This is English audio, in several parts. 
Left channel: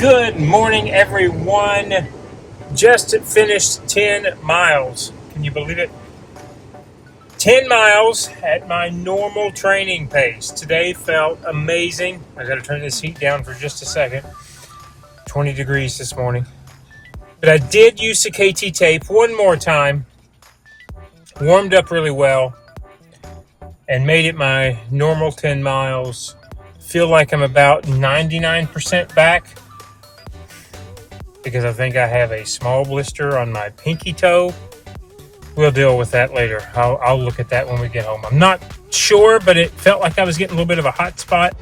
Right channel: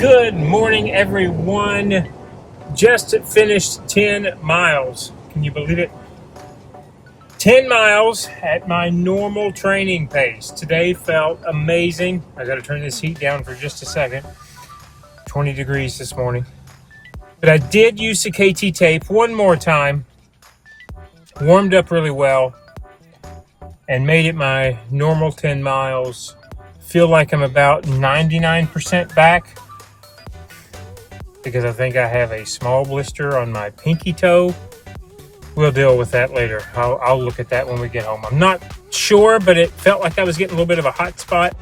Good morning, everyone. Just finished 10 miles. Can you believe it? 10 miles at my normal training pace. Today felt amazing. I got to turn this heat down for just a second. 20 degrees this morning. But I did use the KT tape one more time. Warmed up really well and made it my normal 10 miles. Feel like I'm about 99% back because I think I have a small blister on my pinky toe. We'll deal with that later. I'll look at that when we get home. I'm not sure, but it felt like I was getting a little bit of a hot spot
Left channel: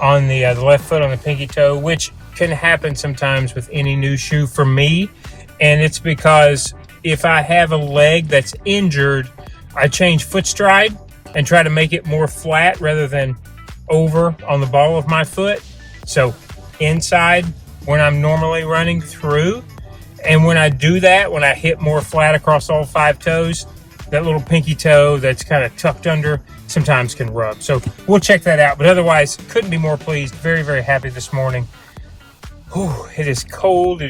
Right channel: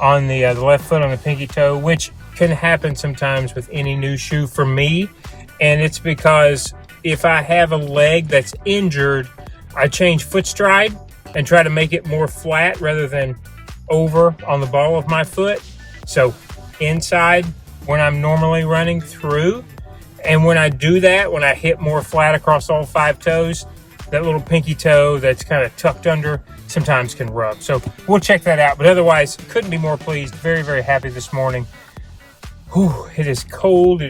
on the left foot on the pinky toe, which can happen sometimes with any new shoe for me. And it's because if I have a leg that's injured, I change foot stride and try to make it more flat rather than over on the ball of my foot. So inside when I'm normally running through, and when I do that, when I hit more flat across all 5 toes, that little pinky toe that's kind of tucked under sometimes can rub. So we'll check that out. But otherwise, couldn't be more pleased. Very, very happy this morning. Whew, it is cold,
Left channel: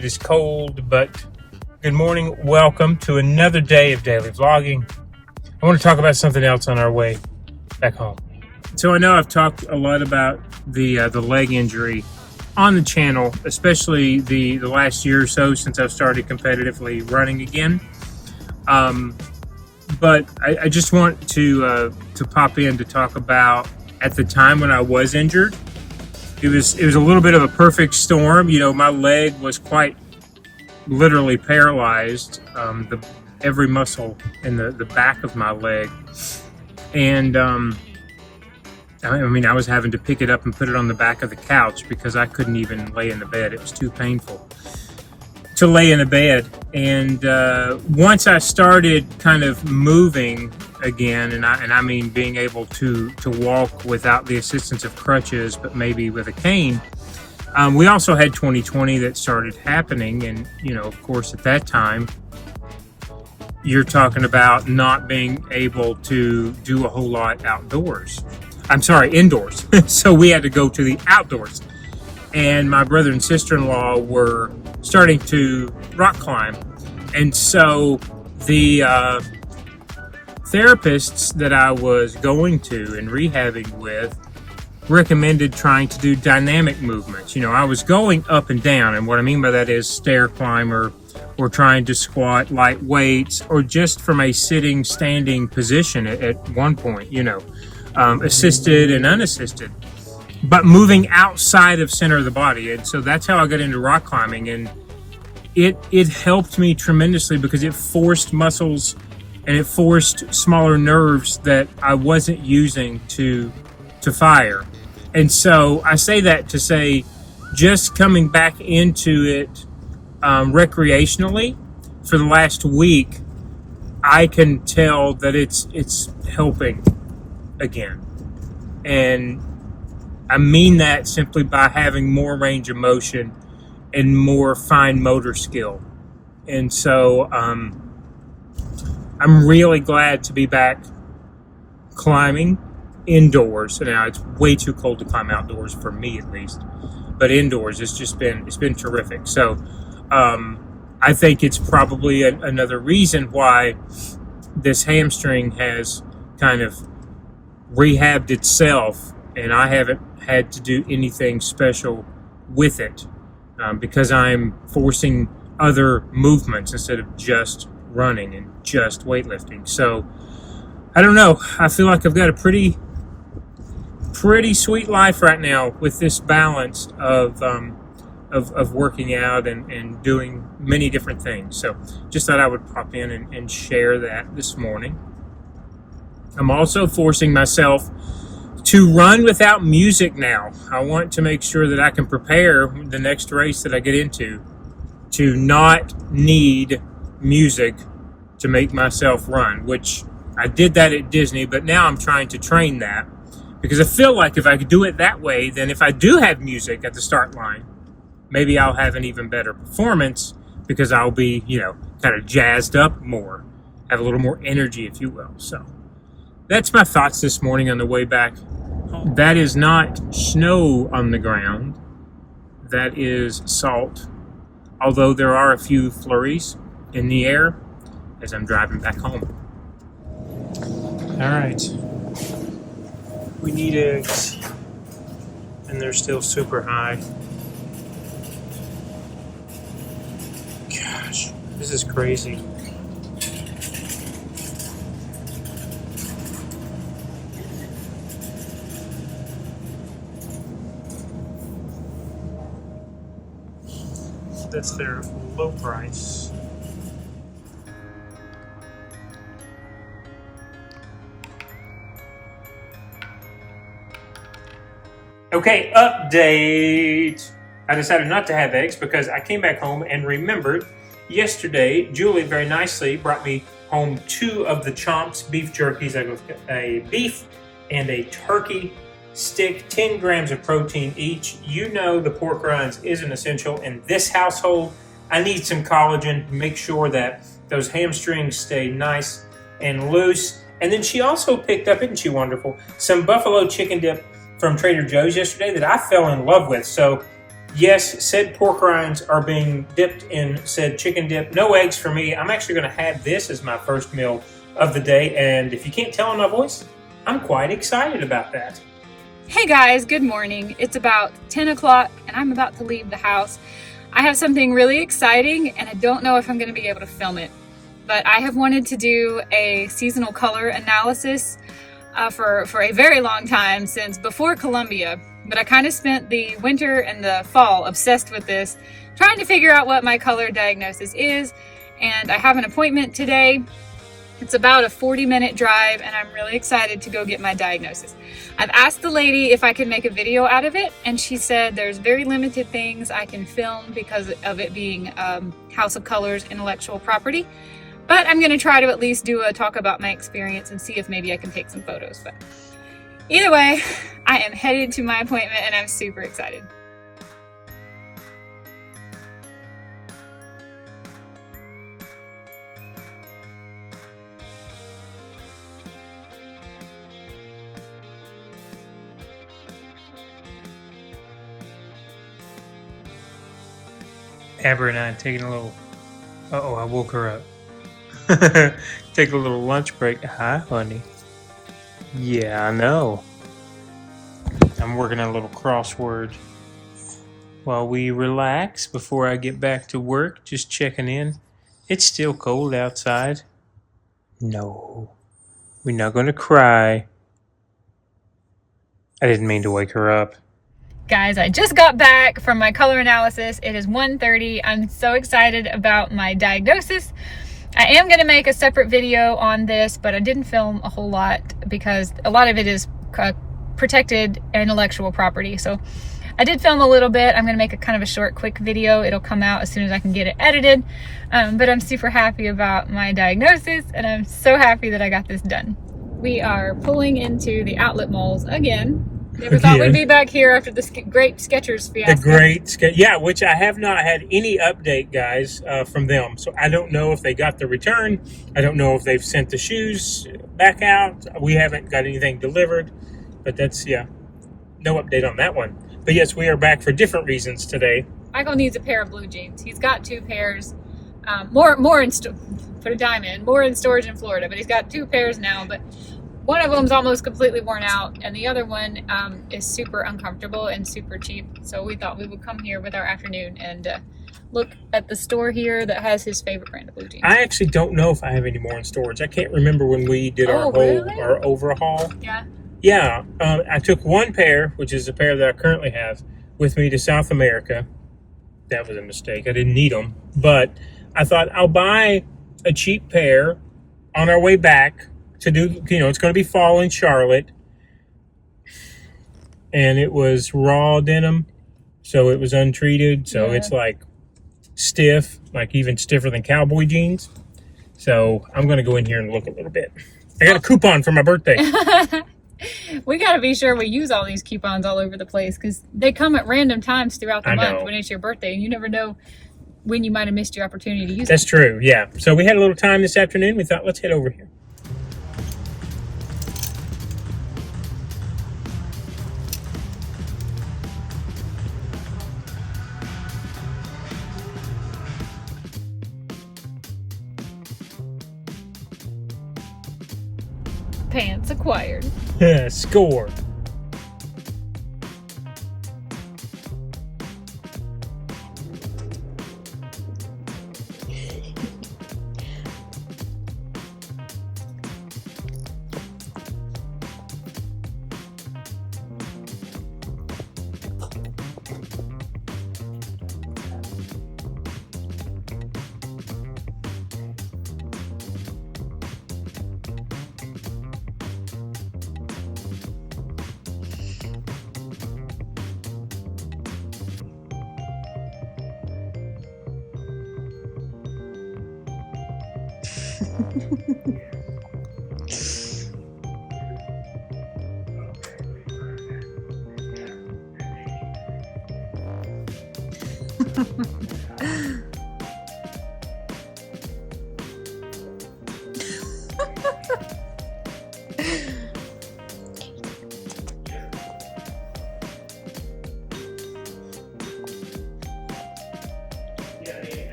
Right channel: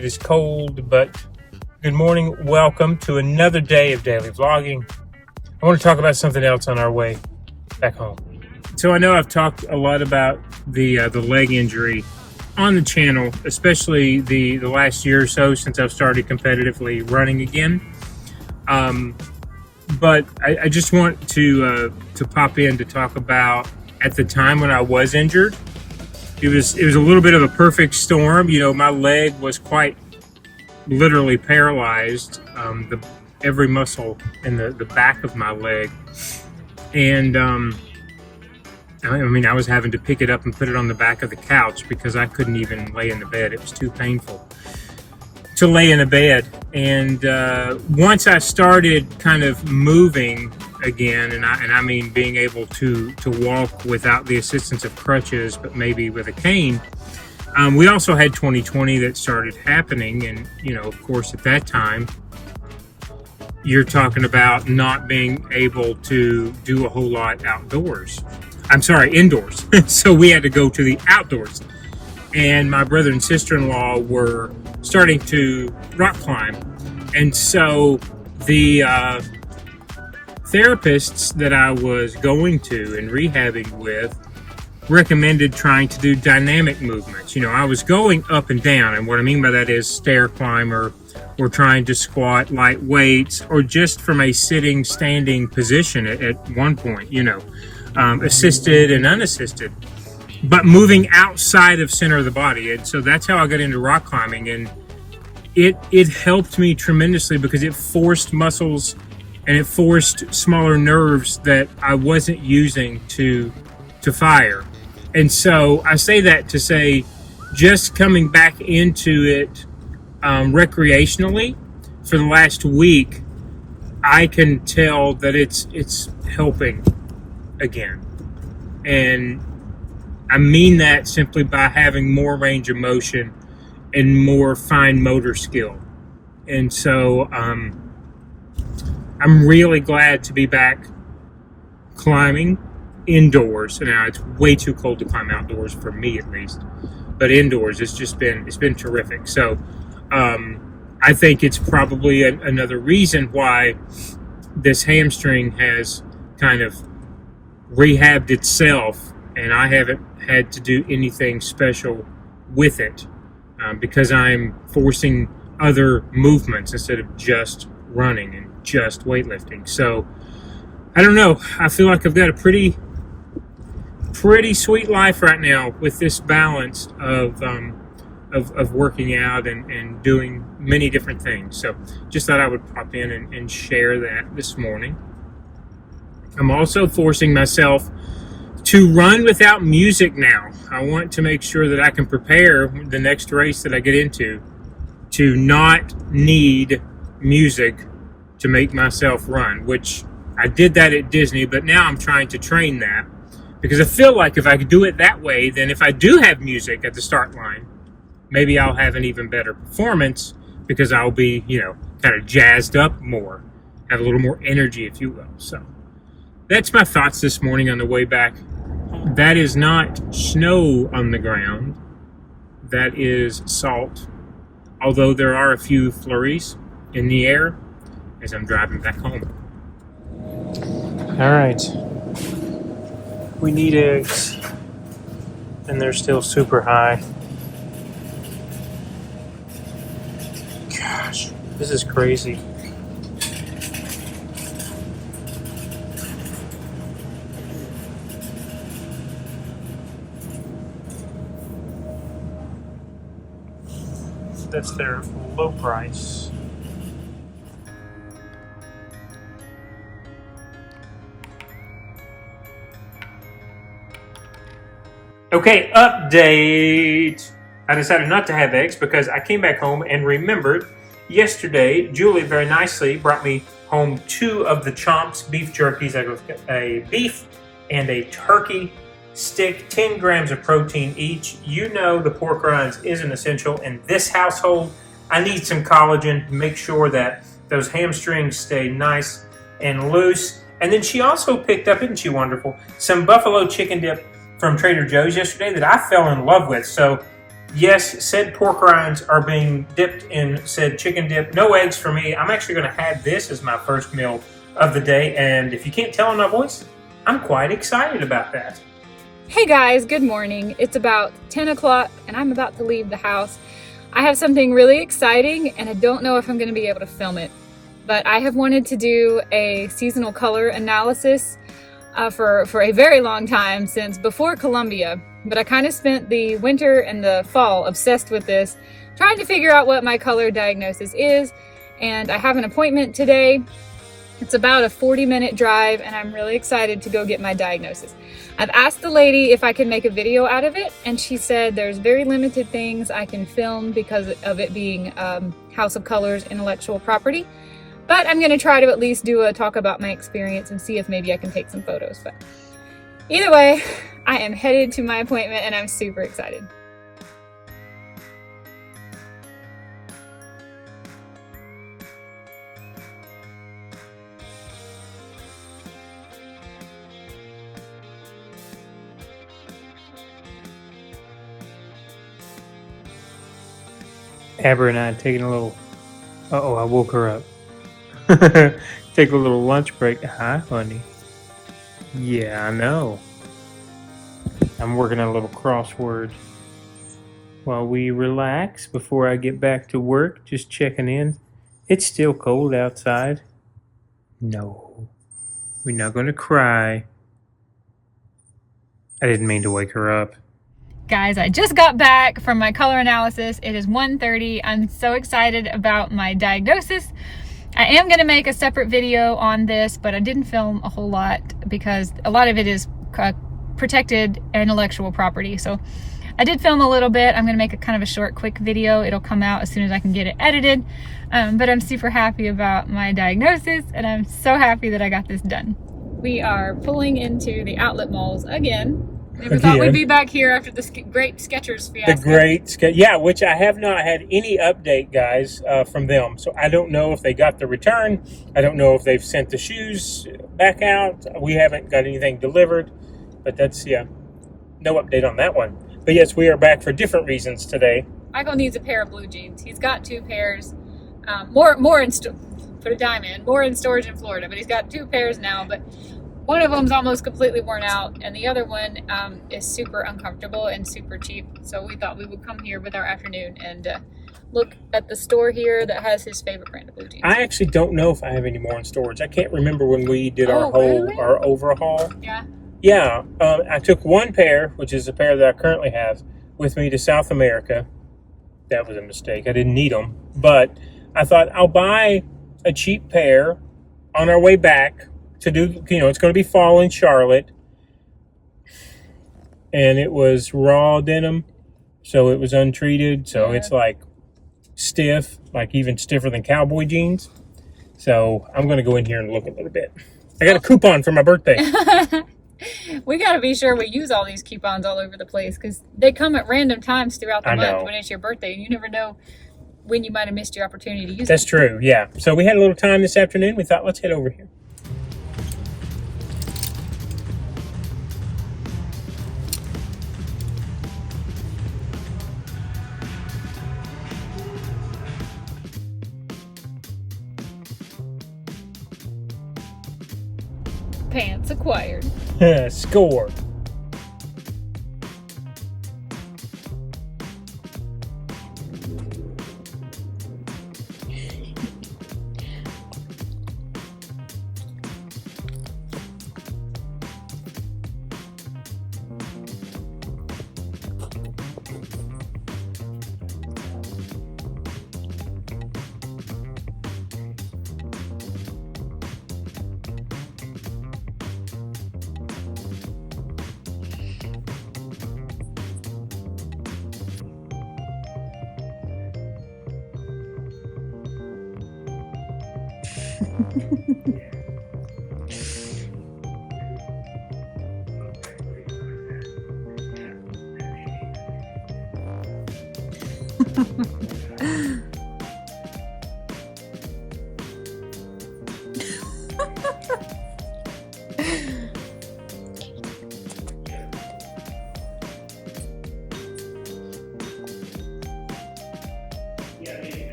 but good morning. Welcome to another day of daily vlogging. I want to talk about something else on our way back home. So I know I've talked a lot about the leg injury on the channel, especially the last year or so since I've started competitively running again. But I just want to pop in to talk about at the time when I was injured. It was a little bit of a perfect storm. You know, my leg was quite literally paralyzed, every muscle in the back of my leg, and I mean, I was having to pick it up and put it on the back of the couch because I couldn't even lay in the bed. It was too painful to lay in a bed. And once I started kind of moving again, and I mean being able to walk without the assistance of crutches, but maybe with a cane, we also had 2020 that started happening. And, you know, of course, at that time, you're talking about not being able to do a whole lot outdoors. I'm sorry, indoors. So we had to go to the outdoors. And my brother and sister-in-law were starting to rock climb. And so the therapists that I was going to and rehabbing with recommended trying to do dynamic movements. You know, I was going up and down. And what I mean by that is stair climber, or trying to squat light weights, or just from a sitting, standing position at one point, you know. Assisted and unassisted, but moving outside of center of the body. And so that's how I got into rock climbing, and it helped me tremendously because it forced muscles and it forced smaller nerves that I wasn't using to fire. And so I say that to say, just coming back into it recreationally for the last week, I can tell that it's helping again. And I mean that simply by having more range of motion and more fine motor skill. And so I'm really glad to be back climbing indoors. Now it's way too cold to climb outdoors for me, at least, but indoors it's been terrific. So I think it's probably another reason why this hamstring has kind of rehabbed itself, and I haven't had to do anything special with it because I'm forcing other movements instead of just running and just weightlifting. So I don't know, I feel like I've got a pretty sweet life right now with this balance of working out and doing many different things. So just thought I would pop in and share that this morning. I'm also forcing myself to run without music now. I want to make sure that I can prepare the next race that I get into to not need music to make myself run, which I did that at Disney, but now I'm trying to train that because I feel like if I could do it that way, then if I do have music at the start line, maybe I'll have an even better performance because I'll be, you know, kind of jazzed up more, have a little more energy, if you will. So that's my thoughts this morning on the way back. That is not snow on the ground. that is salt, although there are a few flurries in the air as I'm driving back home. All right, we need eggs, and they're still super high. Gosh, this is crazy. That's their low price. Okay, update. I decided not to have eggs because I came back home and remembered yesterday Julie very nicely brought me home 2 of the Chomps beef jerkies. I got a beef and a turkey stick, 10 grams of protein each. You know the pork rinds is an essential in this household. I need some collagen to make sure that those hamstrings stay nice and loose. And then she also picked up, isn't she wonderful, some buffalo chicken dip from Trader Joe's yesterday that I fell in love with. So yes, said pork rinds are being dipped in said chicken dip. No eggs for me. I'm actually going to have this as my first meal of the day. And if you can't tell in my voice, I'm quite excited about that. Hey guys, good morning. It's about 10 o'clock and I'm about to leave the house. I have something really exciting and I don't know if I'm going to be able to film it, but I have wanted to do a seasonal color analysis for a very long time, since before Columbia, but I kind of spent the winter and the fall obsessed with this, trying to figure out what my color diagnosis is, and I have an appointment today. It's about a 40-minute drive and I'm really excited to go get my diagnosis. I've asked the lady if I can make a video out of it, and she said there's very limited things I can film because of it being House of Colors intellectual property. But I'm going to try to at least do a talk about my experience and see if maybe I can take some photos. But either way, I am headed to my appointment and I'm super excited. Amber and I taking a little... Uh-oh, I woke her up. Take a little lunch break. Hi, honey. Yeah, I know. I'm working on a little crossword while we relax before I get back to work. Just checking in. It's still cold outside. No, we're not going to cry. I didn't mean to wake her up. Guys, I just got back from my color analysis. It is 1:30. I'm so excited about my diagnosis. I am going to make a separate video on this, but I didn't film a whole lot because a lot of it is protected intellectual property. So I did film a little bit. I'm going to make a kind of a short, quick video. It'll come out as soon as I can get it edited. But I'm super happy about my diagnosis, and I'm so happy that I got this done. We are pulling into the outlet malls again. Never thought we'd be back here after the great Skechers fiasco. Yeah, which I have not had any update, guys, from them. So I don't know if they got the return. I don't know if they've sent the shoes back out. We haven't got anything delivered. But that's, yeah, no update on that one. But yes, we are back for different reasons today. Michael needs a pair of blue jeans. He's got 2 pairs. More in put a dime in. More in storage in Florida, but he's got 2 pairs now. But one of them's almost completely worn out, and the other one is super uncomfortable and super cheap. So we thought we would come here with our afternoon and look at the store here that has his favorite brand of blue jeans. I actually don't know if I have any more in storage. I can't remember when we did our overhaul. Yeah. Yeah, I took 1 pair, which is the pair that I currently have, with me to South America. That was a mistake. I didn't need them, but I thought I'll buy a cheap pair on our way back to do, it's going to be fall in Charlotte. And it was raw denim, so it was untreated. So it's like stiff, like even stiffer than cowboy jeans. So I'm going to go in here and look a little bit. I got a coupon for my birthday. We got to be sure we use all these coupons all over the place, because they come at random times throughout the month when it's your birthday, and you never know when you might have missed your opportunity to use it. That's true, yeah. So we had a little time this afternoon. We thought, let's head over here. pants acquired. Score.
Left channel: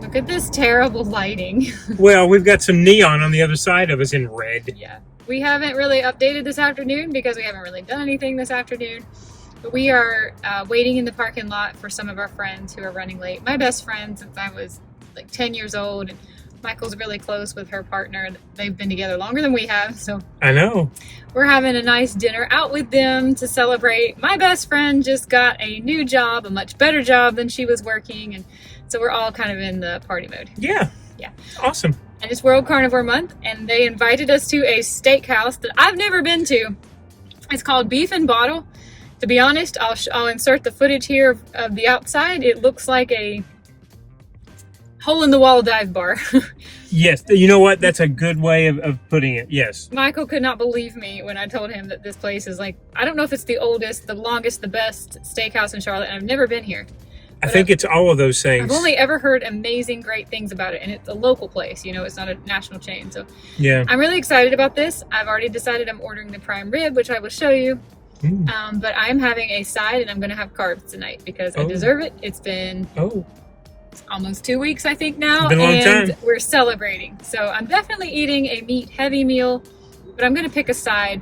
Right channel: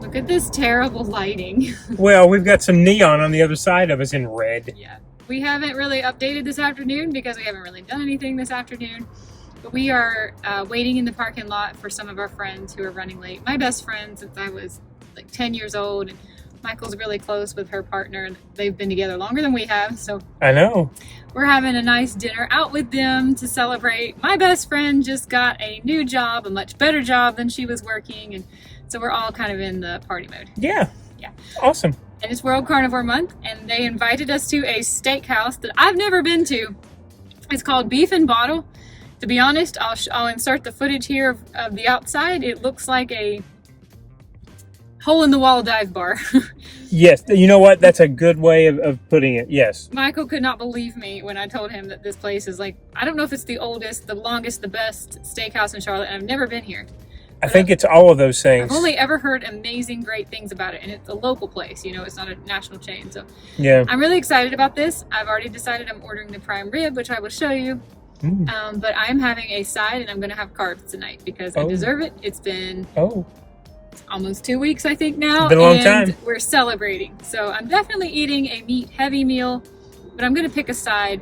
Look at this terrible lighting. Well, we've got some neon on the other side of us in red. Yeah. We haven't really updated this afternoon because we haven't really done anything this afternoon. But we are waiting in the parking lot for some of our friends who are running late. My best friend since I was like 10 years old. And Michael's really close with her partner. They've been together longer than we have. So I know. we're having a nice dinner out with them to celebrate. My best friend just got a new job, a much better job than she was working. And so we're all kind of in the party mode. Yeah. Yeah. Awesome. And it's World Carnivore Month, and they invited us to a steakhouse that I've never been to. It's called Beef and Bottle. To be honest, I'll insert the footage here of the outside. It looks like a hole-in-the-wall dive bar. Yes. You know what? That's a good way of putting it. Yes. Michael could not believe me when I told him that this place is like, I don't know if it's the oldest, the longest, the best steakhouse in Charlotte, and I've never been here. I think it's all of those things. I've only ever heard amazing, great things about it, and it's a local place, you know, it's not a national chain. So Yeah. I'm really excited about this. I've already decided I'm ordering the prime rib, which I will show you. But I am having a side, and I'm going to have carbs tonight because I deserve it. It's been almost 2 weeks, I think now, It's been a long and time. we're celebrating. So I'm definitely eating a meat-heavy meal, but I'm going to pick a side.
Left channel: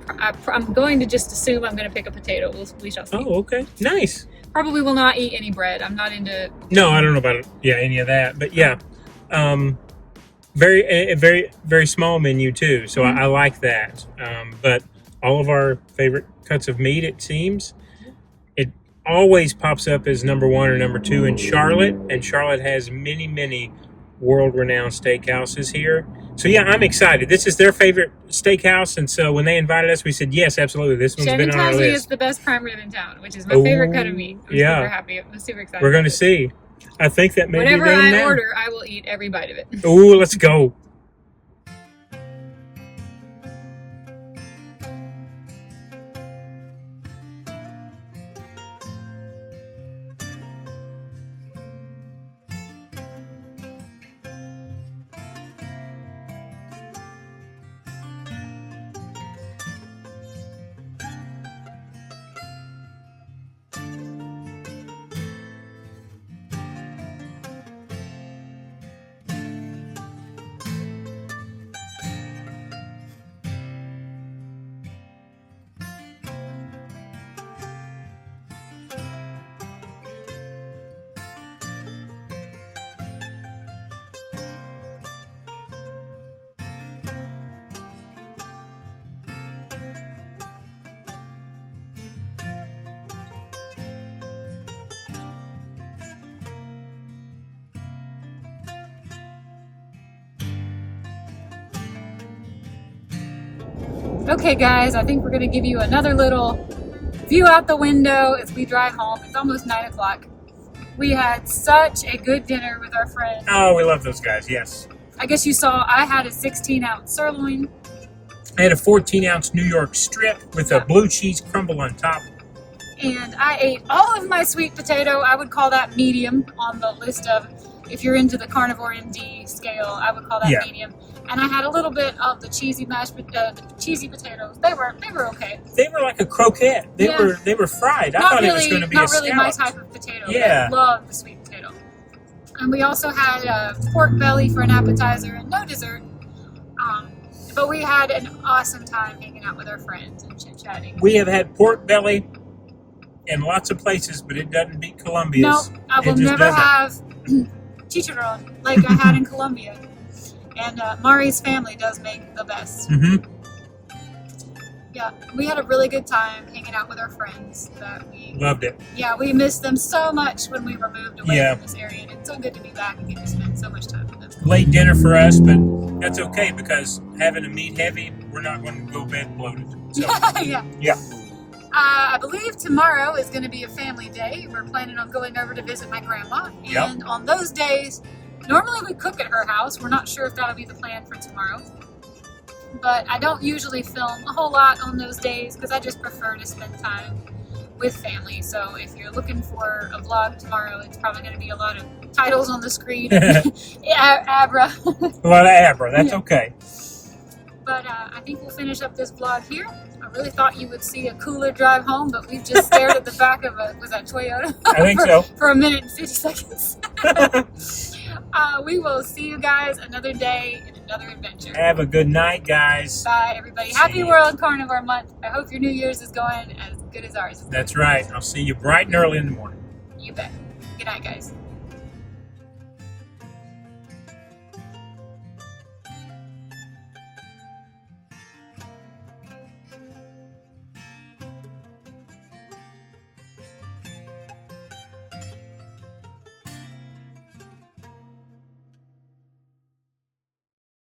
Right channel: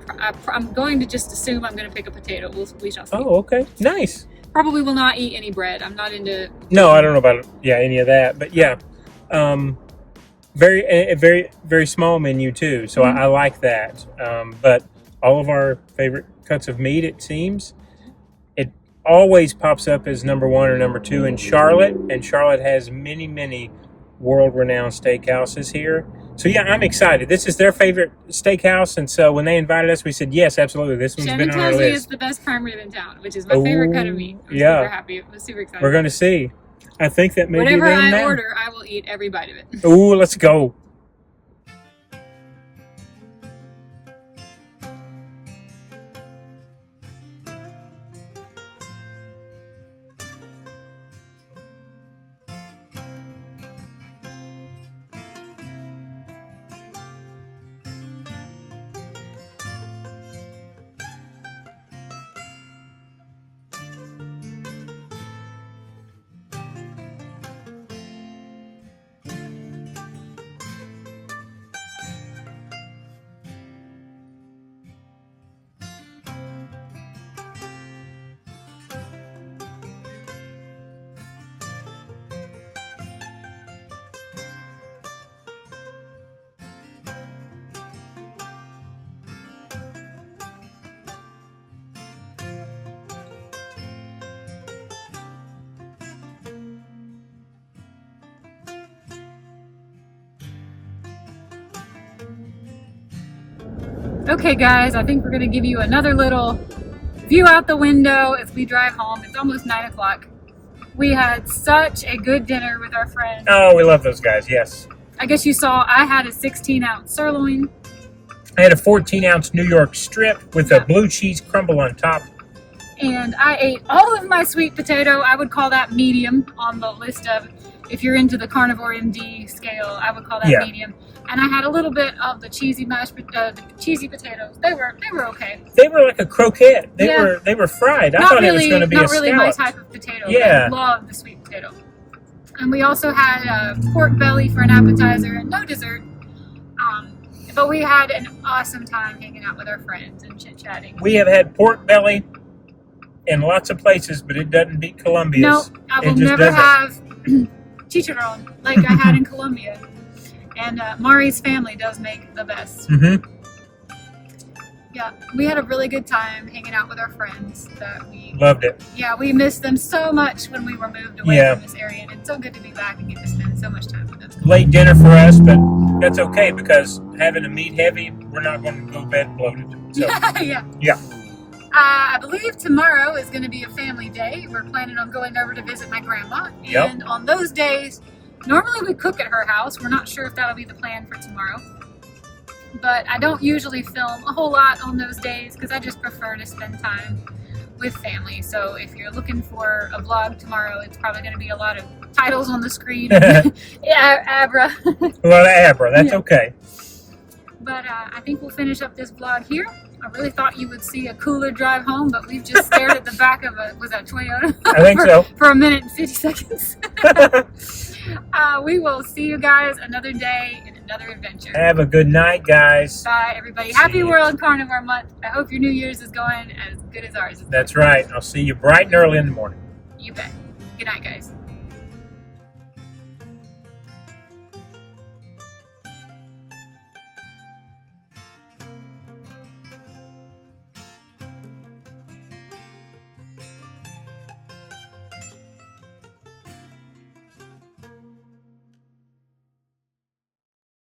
I'm going to just assume I'm going to pick a potato. We shall see. Oh, okay. Nice. Probably will not eat any bread. I'm not into... No, I don't know about any of that, but yeah, very very small menu too. So I like that. But all of our favorite cuts of meat, it seems, it always pops up as number 1 or number 2 in Charlotte, and Charlotte has many world-renowned steakhouses here. So yeah, I'm excited. This is their favorite steakhouse, and so when they invited us, we said yes, absolutely. This one's Shannon been on our tells me list. it's the best prime rib in town, which is my favorite cut of meat. I'm yeah. super happy. I'm super excited. We're going to see. I think that may Whenever be I now. order, I will eat every bite of it. Ooh, let's go. Okay guys, I think we're gonna give you another little view out the window as we drive home. It's almost 9 o'clock. We had such a good dinner with our friends. Oh, we love those guys, yes. I guess you saw I had a 16-ounce sirloin. I had a 14-ounce New York strip with a blue cheese crumble on top. And I ate all of my sweet potato. I would call that medium on the list of if you're into the carnivore MD scale, I would call that Yeah. medium. And I had a little bit of the cheesy cheesy potatoes. They were okay. They were like a croquette. They Yeah. were fried. I Not thought it was really, going to be not a really my scallop. type of potato. Yeah. I love the sweet potato. And we also had pork belly for an appetizer and no dessert. But we had an awesome time hanging out with our friends and chit-chatting. We have had pork belly in lots of places, but it doesn't beat Columbia's. No, I will It just never doesn't. have chicharron like I had in Colombia. And Mari's family does make the best. Mm-hmm. Yeah, we had a really good time hanging out with our friends. Loved it. We missed them so much when we were moved away Yeah. from this area, and it's so good to be back and get to spend so much time with them. Late dinner for us, but that's okay because having a meat heavy, we're not going to go to bed bloated. So, Yeah. yeah. I believe tomorrow is going to be a family day. We're planning on going over to visit my grandma, Yep. and on those days, normally we cook at her house. We're not sure if that'll be the plan for tomorrow. But I don't usually film a whole lot on those days because I just prefer to spend time with family. So if you're looking for a vlog tomorrow, it's probably going to be a lot of titles on the screen. Abra. A lot of Abra. That's Yeah. okay. But I think we'll finish up this vlog here. I really thought you would see a cooler drive home, but we've just stared at the back of was that Toyota? I think so. For a minute and 50 seconds. We will see you guys another day in another adventure. Have a good night, guys. Bye, everybody. See Happy you. World Carnivore Month. I hope your New Year's is going as good as ours. That's right. I'll see you bright and early in the morning. You bet. Good night, guys.